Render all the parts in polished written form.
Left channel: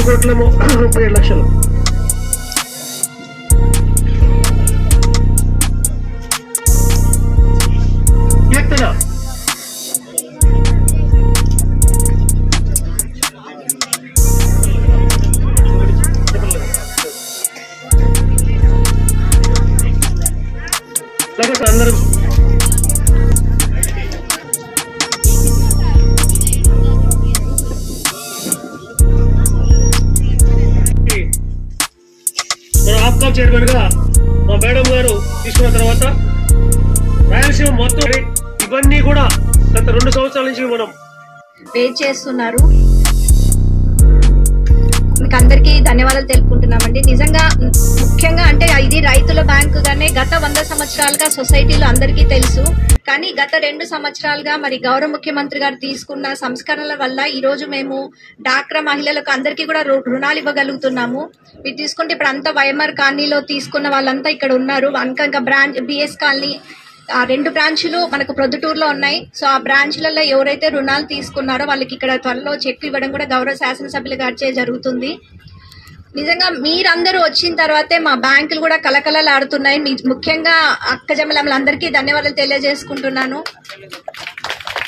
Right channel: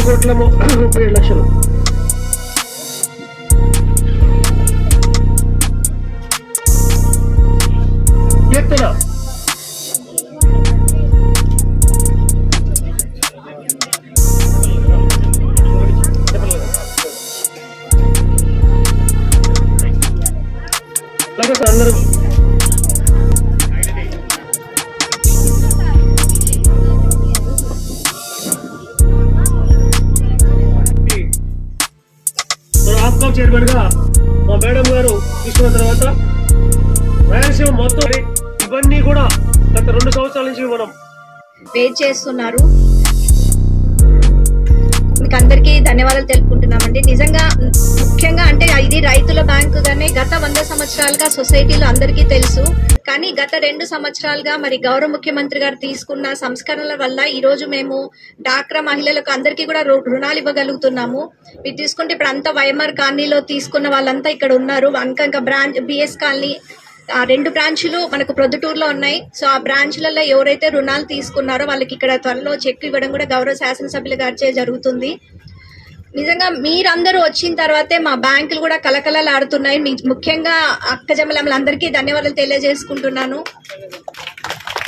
2,37,00,000 కీర్తన అందరూ APCOB chairman గా మా మేడం గారు తీసుకున్న తర్వాత రాయలసీమ మొత్తం ఇవన్నీ కూడా గత 2 సంవత్సరాల నుంచి మనం వెయిట్ చేస్తున్నారు. మీకు అందరికీ ధన్యవాదాలు తెలుపుకుంటున్నామండి. నిజంగా ముఖ్యంగా అంటే ఇది రైతుల బ్యాంకుగానే గత 100 సంవత్సరాలుగా సొసైటీలో అందరికీ తెలుసు. కానీ గత 2 సంవత్సరాలుగా మరి గౌరవ ముఖ్యమంత్రి గారు తీసుకున్న సంస్కరణల వల్ల ఈ రోజు మేము డాక్రా మహిళలకు అందరికీ కూడా రుణాలు ఇవ్వగలుగుతున్నాము. మీరు తీసుకుంటే ఇప్పుడు అంతా వైఎంఆర్ కాలనీలో తీసుకున్న వాళ్ళంతా ఇక్కడ ఉన్నారు. ఇంకా బ్రాంచ్ బిఎస్ కాలనీ 2 బ్రాంచ్లు మనకు ప్రొద్దుటూరులో ఉన్నాయి. సో ఆ బ్రాంచ్లలో ఎవరైతే రుణాలు తీసుకున్నారో వాళ్ళకి ఇక్కడ త్వరలో చెక్ ఇవ్వడం కూడా గౌరవ శాసనసభ్యుల గారిచే జరుగుతుంది. నిజంగా మీరందరూ వచ్చిన తర్వాతే మా బ్యాంకులు కూడా కలకలలాడుతున్నాయి. ముఖ్యంగా అక్కజమ్మలందరికీ ధన్యవాదాలు తెలియజేసుకుంటున్నాను.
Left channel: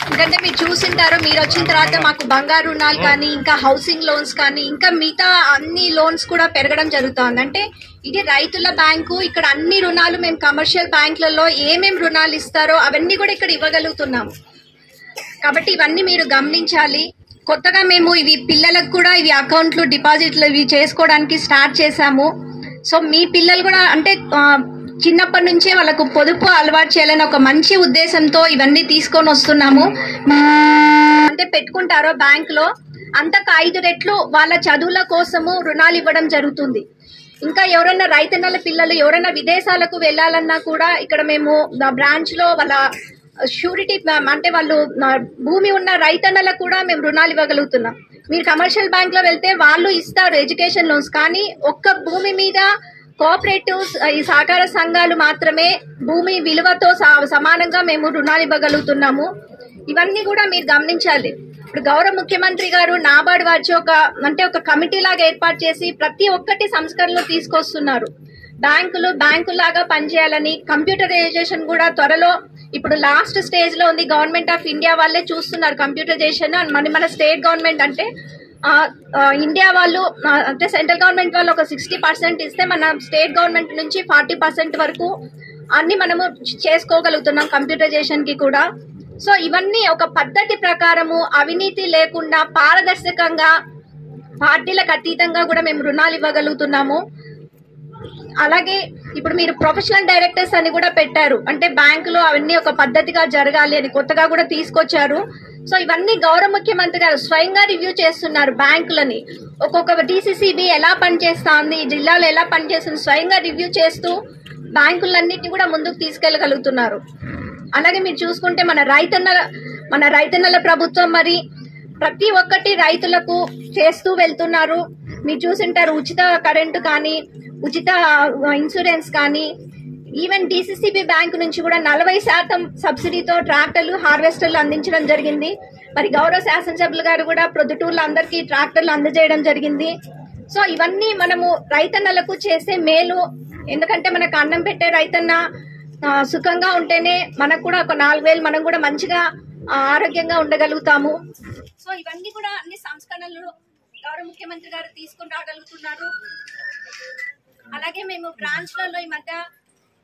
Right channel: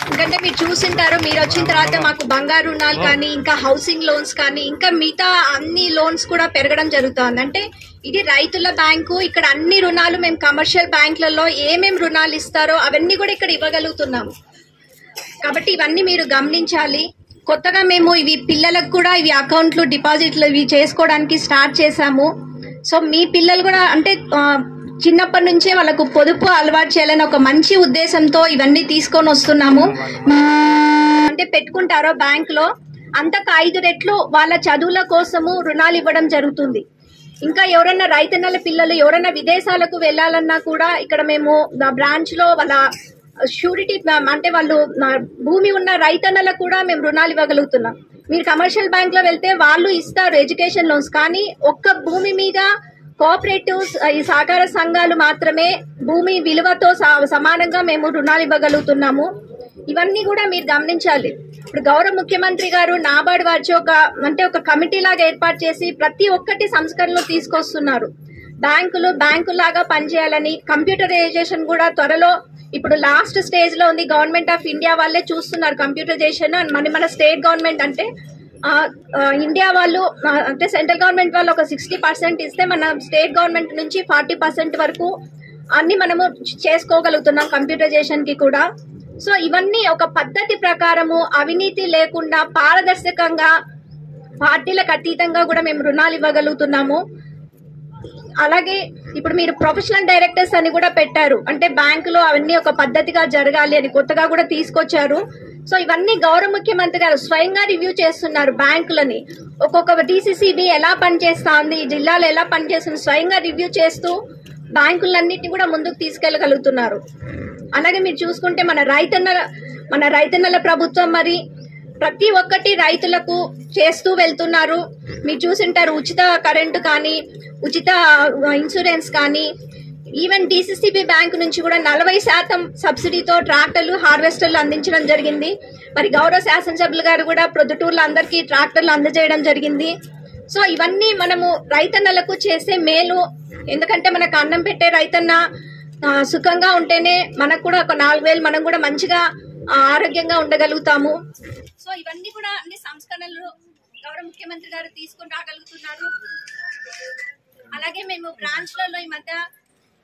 ఎందుకంటే మీరు చూసింటారు, మీరు వచ్చిన తర్వాత మాకు బంగారు రుణాలు కానీ ఇంకా హౌసింగ్ లోన్స్ కానీ ఇంకా మిగతా అన్ని లోన్స్ కూడా పెరగడం జరుగుతుంది. అంటే ఇది రైతుల బ్యాంకు. ఇక్కడ అన్ని రుణాలు మేము కమర్షియల్ బ్యాంకులలో ఏమేమి రుణాలు ఇస్తారో అవన్నీ కూడా ఇక్కడ ఇవ్వగలుగుతున్నాము. కాబట్టి ఇవన్నీ మీరు గమనించాలి. కొత్తగా మేము ఇవి పిల్లలకు కూడా ఇవి అకౌంట్లు డిపాజిట్లు ఇవి చేసుకోవడానికి స్టార్ట్ చేశాము. సో మీ పిల్లలు కూడా అంటే చిన్నప్పటి నుంచే వాళ్ళకు పొదుపు అలవాటు చేయాలని ఒక మంచి ఉద్దేశంతో ఇవన్నీ తీసుకొని వస్తున్నాము. అంటే పెట్టుకుంటారో బ్యాంకులో అంతకు 5 రెట్లు వాళ్ళ చదువుల కోసము రుణాలు ఇవ్వడం జరుగుతుంది. ఇంకా ఎవరైనా రైతన్నల పిల్లలు ఎవరైనా విదేశాలకు వెళ్ళాలన్నా కూడా ఇక్కడ మేము బ్రాంచ్ లో వాళ్ళ షూరిటీ అంటే వాళ్ళు భూమి ఉన్న రైతన్నలకు కూడా మేము రుణాలు ఇవ్వగలుగుతున్నాం. మీరు కమర్షియల్ బ్యాంక్ లో వెళ్తే వాళ్ళు ఇస్తారు ఎడ్యుకేషన్ లోన్స్, కానీ ఒక్క భూమి మీద కోఆపరేటివ్స్ ఈ సహకార సంఘాలు మాత్రమే భూమి విలువతో సమానంగా మేము రుణాలు ఇవ్వగలుగుతున్నాము. ఇవన్నీ కూడా మీరు గమనించాలి. ఇప్పుడు గౌరవ ముఖ్యమంత్రి గారు నాబార్డు వారి ఒక కమిటీ లాగా ఏర్పాటు చేసి ప్రతి ఒక్కటి సంస్కరణలు తీసుకొస్తున్నారు. బ్యాంకు లాగా పనిచేయాలని కంప్యూటరైజేషన్ కూడా త్వరలో ఇప్పుడు లాస్ట్ స్టేజ్ లో ఉంది. గవర్నమెంట్ ఆఫ్ ఇండియా వాళ్ళే చూస్తున్నారు కంప్యూటరైజేషన్. మన స్టేట్ గవర్నమెంట్ అంటే ఇండియా వాళ్ళు అంటే సెంట్రల్ గవర్నమెంట్ వాళ్ళు ఒక 60% ఇస్తే మన స్టేట్ గవర్నమెంట్ నుంచి 40% వరకు అన్ని మనము చేసుకోగలుగుతున్నాం కంప్యూటరైజేషన్ కి కూడా. సో ఇవన్నీ ఒక పద్ధతి ప్రకారము అవినీతి లేకుండా పారదర్శకంగా పార్టీలకు అతీతంగా కూడా మేము రుణాలు ఇవ్వగలుగుతున్నాము. అలాగే ఇప్పుడు మీరు ప్రొఫెషనల్ డైరెక్టర్స్ అని కూడా పెట్టారు. అంటే బ్యాంకులో అవన్నీ ఒక పద్ధతిగా జరగాలి అని కొత్తగా కూడా తీసుకొచ్చారు. సో ఇవన్నీ గౌరవ ముఖ్యమంత్రి గారు స్వయంగా రివ్యూ చేస్తున్నారు. బ్యాంకులని ఒక్కొక్క DCCB ఎలా పనిచేస్తుంది, ఈ జిల్లాలో ఎలా పనిచేస్తుంది స్వయంగా రివ్యూ చేస్తూ బ్యాంకులన్నింటినీ కూడా ముందుకు తీసుకెళ్లగలుగుతున్నారు. అలాగే మీరు చూసుకుంటే మన రైతన్నల ప్రభుత్వం మరి ప్రతి ఒక్కటి రైతులకు చేస్తూ వెళ్తున్నారు. మీరు చూసింటారు, ఉచిత కరెంటు కానీ ఉచిత ఇన్సూరెన్స్ కానీ ఈవెన్ DCCB బ్యాంకు నుంచి కూడా 40% సబ్సిడీతో ట్రాక్టర్లు హార్వెస్టర్లు అందించడం జరిగింది. మరి గౌరవ శాసనసభ్యులు గారు కూడా ప్రొద్దుటూరులో అందరికీ ట్రాక్టర్లు అందజేయడం జరిగింది. సో ఇవన్నీ మనము రైతన్నలకు చేసే మేలు. ఎందుకంటే మనకు అన్నం పెట్టే రైతన్న సుఖంగా ఉంటేనే మనకు కూడా ఒక 4,000 మనం కూడా మంచిగా ఆరోగ్యంగా ఉండగలుగుతాము. సో ఇవన్నీ కూడా అన్ని సంస్కరణలు గౌరవ ముఖ్యమంత్రి గారు తీసుకుని రాగలుగుతున్నారు. అలాగే మేము బ్రాంచ్లలో ఈ మధ్య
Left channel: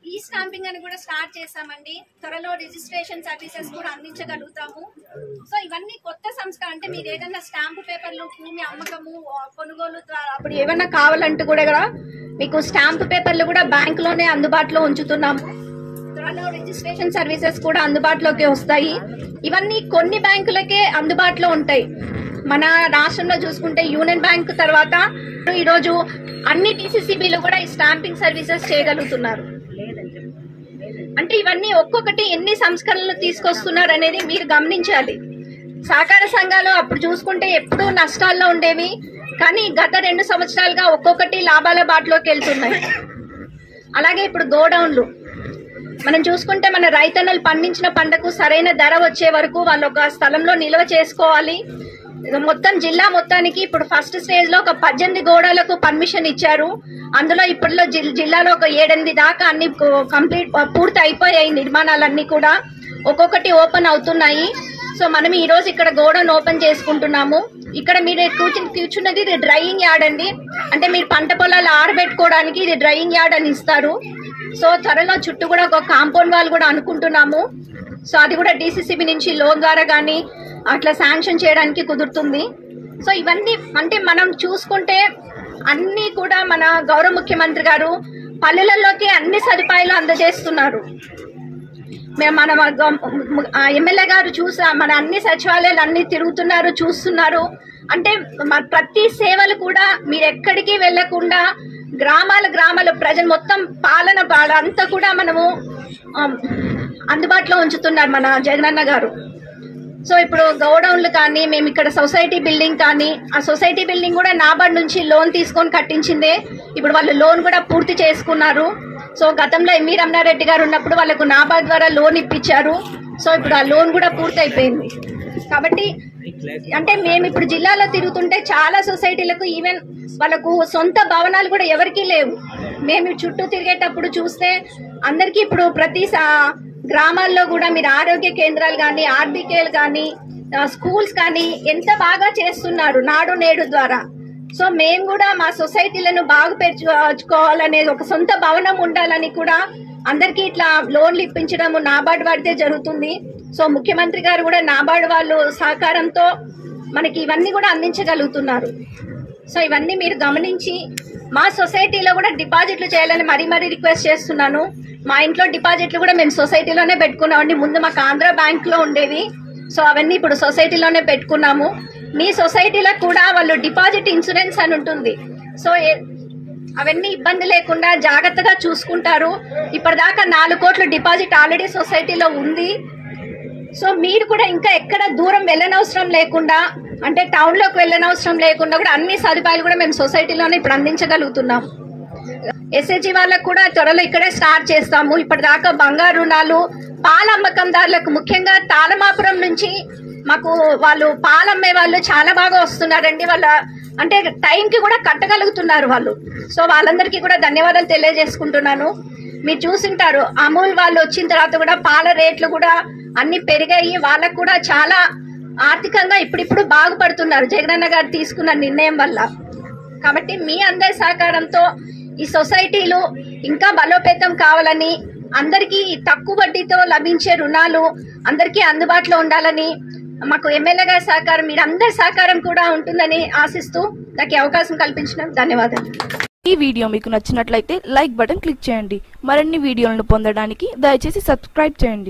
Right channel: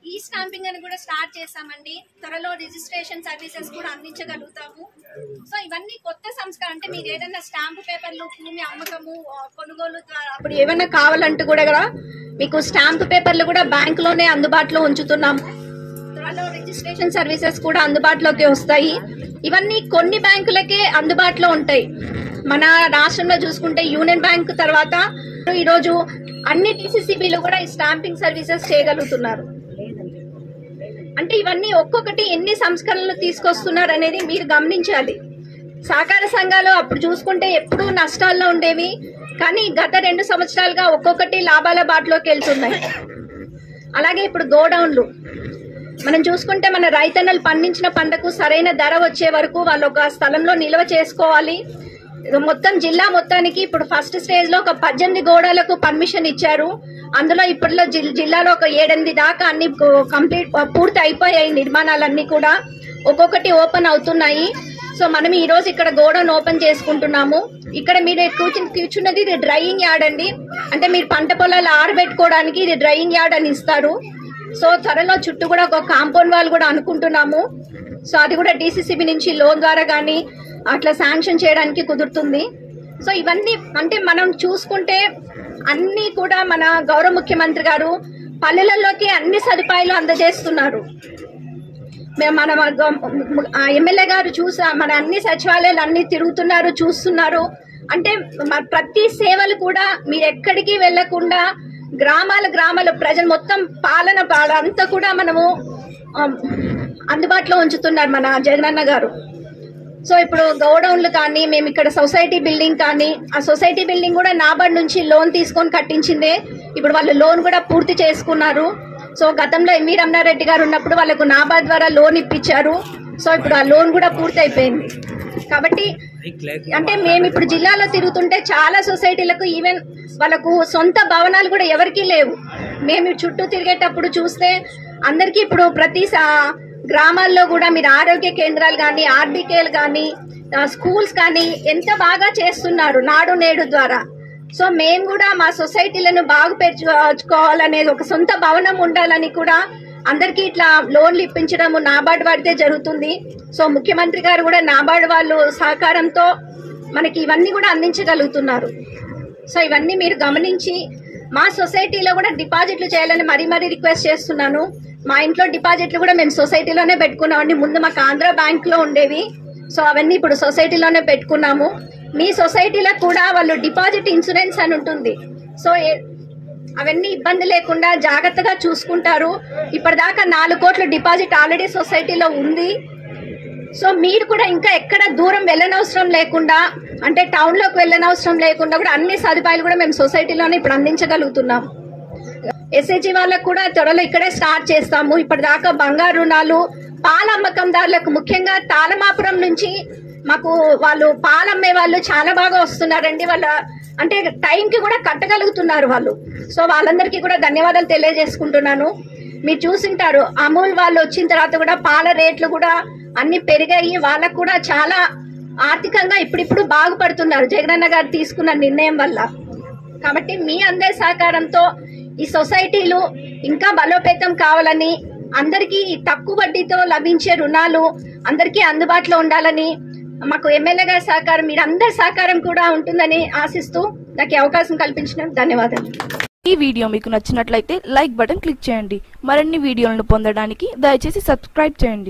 ఈ స్టాంపింగ్ అని కూడా స్టార్ట్ చేశామండి. త్వరలో రిజిస్ట్రేషన్ సర్వీసెస్ కూడా అందించగలుగుతాము. సో ఇవన్నీ కొత్త సంస్కరణ. అంటే మీరు ఏదైనా స్టాంపు పేపర్లు భూమి అమ్మకము కొనుగోలు అప్పుడు ఏమైనా కావాలంటూ కూడా మీకు స్టాంపు పేపర్లు కూడా బ్యాంకులోనే అందుబాటులో ఉంచుతున్నాము. త్వరలో రిజిస్ట్రేషన్ సర్వీసెస్ కూడా అందుబాటులోకి వస్తాయి. ఇవన్నీ కొన్ని బ్యాంకులకే అందుబాటులో ఉంటాయి. మన రాష్ట్రంలో చూసుకుంటే యూనియన్ బ్యాంక్ తర్వాత ఈరోజు అన్ని DCCBలు కూడా ఈ స్టాంపింగ్ సర్వీసెస్ చేయగలుగుతున్నారు. అంటే ఇవన్నీ ఒక్కొక్కటి ఎన్ని సంస్కరణలు తీసుకొస్తున్నారు అనేది మీరు గమనించాలి. సహకార సంఘాలు అప్పుడు చూసుకుంటే ఎప్పుడూ నష్టాల్లో ఉండేవి, కానీ గత 2 సంవత్సరాలుగా ఒక్కొక్కటి లాభాల బాటలోకి వెళ్తున్నాయి. అలాగే ఇప్పుడు గోడౌన్లు మనం చూసుకుంటే మన రైతన్నలు పండించిన పంటకు సరైన ధర వచ్చే వరకు వాళ్ళు ఒక స్థలంలో నిల్వ చేసుకోవాలి. మొత్తం జిల్లా మొత్తానికి ఇప్పుడు ఫస్ట్ స్టేజ్ లో ఒక 18 గోడలకు పర్మిషన్ ఇచ్చారు. అందులో ఇప్పట్లో జిల్లాలో ఒక 7-8 దాకా అన్ని కంప్లీట్ పూర్తి అయిపోయాయి. నిర్మాణాలన్నీ కూడా ఒక్కొక్కటి ఓపెన్ అవుతున్నాయి. సో మనం ఈ రోజు ఇక్కడ గోడౌన్ ఓపెన్ చేసుకుంటున్నాము. ఇక్కడ మీరు కూర్చున్నది ఇది డ్రైయింగ్ యార్డ్ అండి. అంటే మీరు పంట పొలాలు ఆరబెట్టుకోవడానికి ఇది డ్రైయింగ్ యార్డ్ అని ఇస్తారు. సో త్వరలో చుట్టూ కూడా ఒక కాంపౌండ్ వాల్ కూడా అనుకుంటున్నాము. సో అది కూడా DCCB నుంచి లోన్ ద్వారా కానీ అట్లా శాంక్షన్ చేయడానికి కుదురుతుంది. సో ఇవన్నీ అంటే మనం చూసుకుంటే అన్ని కూడా మన గౌరవ ముఖ్యమంత్రి గారు పల్లెలలోకి అన్ని సదుపాయాలు అందజేస్తున్నారు. మన ఎమ్మెల్యే గారు మన అన్ని సచివాలయాలు అన్ని తిరుగుతున్నారు, చూస్తున్నారు. అంటే ప్రతి సేవలు కూడా మీరు ఎక్కడికి వెళ్లకుండా గ్రామాల ప్రజలు మొత్తం పాలన అంతా కూడా మనము అందుబాటులో ఉంచుతున్నారు మన జగనన్న గారు. సో ఇప్పుడు గోడౌన్లు కానీ మేము ఇక్కడ సొసైటీ బిల్డింగ్ కానీ ఆ సొసైటీ బిల్డింగ్ కూడా నాబార్డ్ నుంచి లోన్ తీసుకొని కట్టించిందే. ఇప్పుడు వాళ్ళు లోన్ కూడా పూర్తి చేసుకున్నారు. సో గతంలో ఎంవి రమణారెడ్డి గారు ఉన్నప్పుడు వాళ్ళకు నాబార్డ్ ద్వారా లోన్ ఇప్పించారు. సో ఇప్పుడు ఆ లోన్ కూడా పూర్తి అయిపోయింది. కాబట్టి అంటే మేము ఇప్పుడు జిల్లాలో తిరుగుతుంటే చాలా సొసైటీలకు ఈవెన్ వాళ్ళకు సొంత భవనాలు కూడా ఎవరికీ లేవు. మేము చుట్టూ తిరిగేటప్పుడు చూస్తే అందరికీ ఇప్పుడు ప్రతి గ్రామాల్లో కూడా మీరు ఆరోగ్య కేంద్రాలు కానీ ఆర్బీకేలు కానీ స్కూల్స్ కానీ ఎంత బాగా చేస్తున్నారు నాడు నేడు ద్వారా. సో మేము కూడా మా సొసైటీలను బాగుపరుచుకోవాలనేది ఒక సొంత భవనం ఉండాలని కూడా అందరికీ ఇట్లా లోన్లు ఇప్పించడం నాబార్డ్ వాడితే జరుగుతుంది. సో ముఖ్యమంత్రి గారు కూడా నాబార్డ్ వాళ్ళు సహకారంతో మనకి ఇవన్నీ కూడా అందించగలుగుతున్నారు. సో ఇవన్నీ మీరు గమనించి మా సొసైటీలో కూడా డిపాజిట్లు చేయాలని మరీ రిక్వెస్ట్ చేస్తున్నాను. మా ఇంట్లో డిపాజిట్లు కూడా మేము సొసైటీలోనే పెట్టుకున్నామండి. ముందు మాకు ఆంధ్ర బ్యాంక్ లో ఉండేవి. సో అవన్నీ ఇప్పుడు సొసైటీలోనే పెట్టుకున్నాము. మీ సొసైటీలో కూడా వాళ్ళు డిపాజిట్ ఇన్సూరెన్స్ అని ఉంటుంది. సో అవన్నీ ఇబ్బంది లేకుండా జాగ్రత్తగా చూసుకుంటారు. ఇప్పటిదాకా 4 కోట్ల డిపాజిట్ ఆల్రెడీ సొసైటీలో ఉంది. సో మీరు కూడా ఇంకా ఎక్కడ దూరం వెళ్ళనవసరం లేకుండా అంటే టౌన్ లోకి వెళ్ళనవసరం లేకుండా కూడా అన్ని సదుపాయాలు కూడా మేము సొసైటీలోనే ఇప్పుడు అందించగలుగుతున్నాం. SHG వాళ్ళకు కూడా త్వరలో ఇక్కడే స్టార్ట్ చేస్తాము. ఇప్పటిదాకా బంగారు రుణాలు పాల అమ్మకందారులకు ముఖ్యంగా తాళమాపురం నుంచి మాకు వాళ్ళు పాలమ్మే వాళ్ళు చాలా బాగా వస్తున్నారండి. వాళ్ళు అంటే టైంకి కూడా కట్టగలుగుతున్నారు వాళ్ళు. సో వాళ్ళందరికీ కూడా ధన్యవాదాలు తెలియజేసుకుంటున్నాను. మీరు చూసింటారు అమూల్ వాళ్ళు వచ్చిన తర్వాత కూడా పాల రేట్లు కూడా అన్ని పెరిగాయి. వాళ్ళకు కూడా చాలా ఆర్థికంగా ఇప్పుడిప్పుడు బాగుపడుతున్నారు జగనన్న గారు తీసుకున్న నిర్ణయం వల్ల. కాబట్టి మీ అందరి సహకారంతో ఈ సొసైటీలు ఇంకా బలోపేతం కావాలని అందరికీ తక్కువ వడ్డీతో లభించే రుణాలు అందరికీ అందుబాటులో ఉండాలని మాకు ఎమ్మెల్యే గారి సహకారం మీరందరి సహకారం కూడా ఉంటుందని ఆశిస్తూ నాకు అవకాశం కల్పించినందుకు ధన్యవాదాలు. ఈ వీడియో మీకు నచ్చినట్లయితే లైక్ బటన్ క్లిక్ చేయండి. మరిన్ని వీడియోలను పొందడానికి దయచేసి సబ్స్క్రైబ్ చేయండి.